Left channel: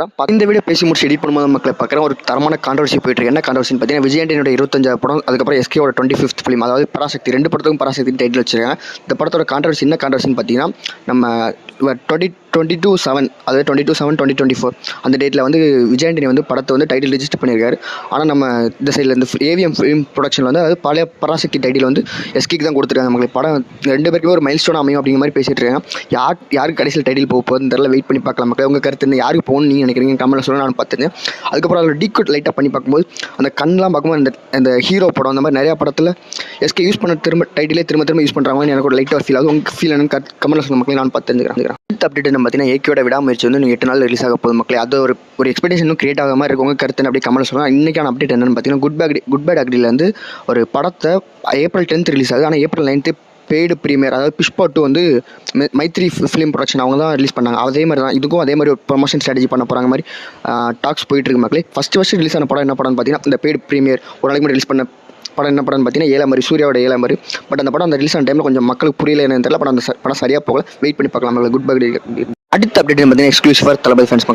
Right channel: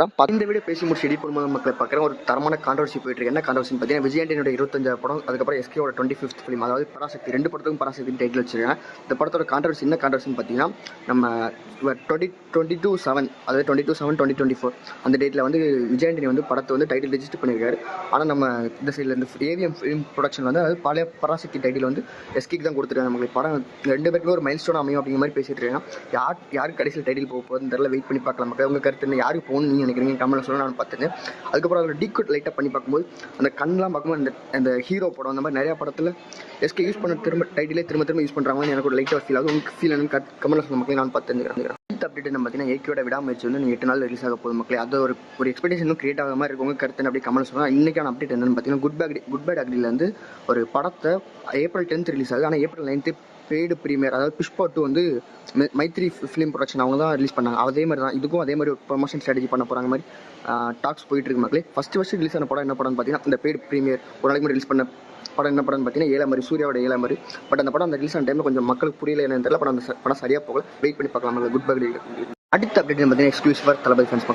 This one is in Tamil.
இந்த வீடியோ பேசி முடிச்சு எடிட் பண்ணும்போது மக்களை பார்க்குறேன் ஒரு தரமான கான்ட்ரவர்சி போயிட்டு இருக்கு. என்ன கான்ட்ரவர்சின்னு பார்த்தீங்கன்னா, விஜய் ஆண்டனியோட 25 படம், அதுக்கப்புறம் எஸ்கேவோட 25th ஃபிலிம், அதாவது பராசக்தி. 2 படத்துக்கும் பராசக்தி டைட்டில் வச்சிருக்காங்க. இந்த படத்தோட கான்ட்ரவர்சி என்ன கான்ட்ரவர்சின்னு பார்த்தீங்கன்னா, நம்ம 2022/7 அதாவது 22/7/2024 அந்த டேட்டில் வந்து விஜய் ஆண்டனி வந்து படத்தை வந்து டைட்டில் ரிஜிஸ்டர் பண்ணியிருக்காரு. ஆனால் நம்ம இந்த சைடில் இருந்து ஏவிஎம் ஃபிலிம் ப்ரொடக்ஷன் வந்து அதாவது பழைய பராசக்தி டைட்டில் வந்து எஸ்கேக்கு தான் கொடுத்துருக்காங்க. நமக்கு படம் 2 பேருக்குமே ஒரு மைல் ஸ்டோன் அமையும் அப்படிங்கிற மாதிரி பேசிட்டு இருக்காங்க. யாருக்கு கடைசியில் டைட்டில் போக போகுதுன்னு தெரியல, வெயிட் பண்ணி பார்க்கலாம். மக்கள் உங்கள் கருத்து என்ன, யாருக்கு போகணும்னு நீங்கள் நினைக்கிறீங்க கமெண்ட்ல சொல்ல. நான் பார்த்துருந்தேன். அதுக்கப்புறம் அதில் டீகோட் லைட்டாக பண்ணி பார்க்கும்போது அந்த கண்ணெலாம் பார்க்கும்போது அந்த ஹீரோ படம் அந்த மாதிரி நிறையா படத்தில் எஸ்கே யூஸ் பண்ண டைட்டிலே திரும்ப யூஸ் பண்ணுறாங்கன்னு எனக்கு ஒரு லைட்டாக ஃபீல் ஆகும். உங்களுக்கு ஃபீல் என்னன்னு கமெண்ட்ல சொல்ல மக்களே, நான் பார்த்துருக்கிறேன். அடுத்த அப்டேட் நம்ம பார்த்தீங்கன்னா, ஏகேயோட விடாமுயற்சி வந்து 8 நாள் ரிலீஸ் ஆக போகுது மக்களே. அது ஒரு எக்ஸ்பெக்டேஷனும் கிரியேட் ஆகாம மாதிரி இருக்கும். உங்கள் கருத்து அப்படியே கமெண்ட்ல சொல்லலாம். இன்றைக்கான அப்டேட் என்னென்னு பார்த்தீங்கன்னா, குட் பேட் அக்ரியில் வந்து ஒரு படத்தை April 10th ரிலீஸ் ஆகுது. ஆனால் April 9th பெய்டு ப்ரீமியர், அதாவது புஷ்பா 2 வந்து மைத்ரி ஃபிலிம் ப்ரொடக்ஷன் அவங்க தான் ரிலீஸ் பண்ணாங்க. அதே மாதிரி தான் இதுக்கும் அதே மாதிரி ஒரு ப்ரொமோஷன் ஸ்ட்ராட்டஜி பண்ண போகிறாங்க மாதிரி டாக்ஸ் போயிட்டு இருக்கு மக்களே. ஃபஸ்ட்டு ரிலீஸ் ஆன படம் என்ன படம்னு பார்த்தீங்கன்னா, இந்த பெய்டு ப்ரீமியர் ஒரு நாளைக்கு மட்டும் ரிலீஸ் பண்ண படம் என்ன படம்னு பார்த்தீங்கன்னா, ஏழாமரி, சூர்யாவோட ஏழாமரி. பட் அந்த படம் அந்த ரிலீஸ் ஆன டைமில் கொஞ்சம் மக்களுக்கு புரியல என்னன்னு தெரியல. படம் சரியாக போகல. வெயிட் பண்ணி பார்க்கலாம். Good bad. அடுத்த அப்டேட் பார்த்தீங்கன்னா, எக்ஸ்க்ளூசிவ் ஃபார் தளபதி ஃபேன்ஸ் மக்களே.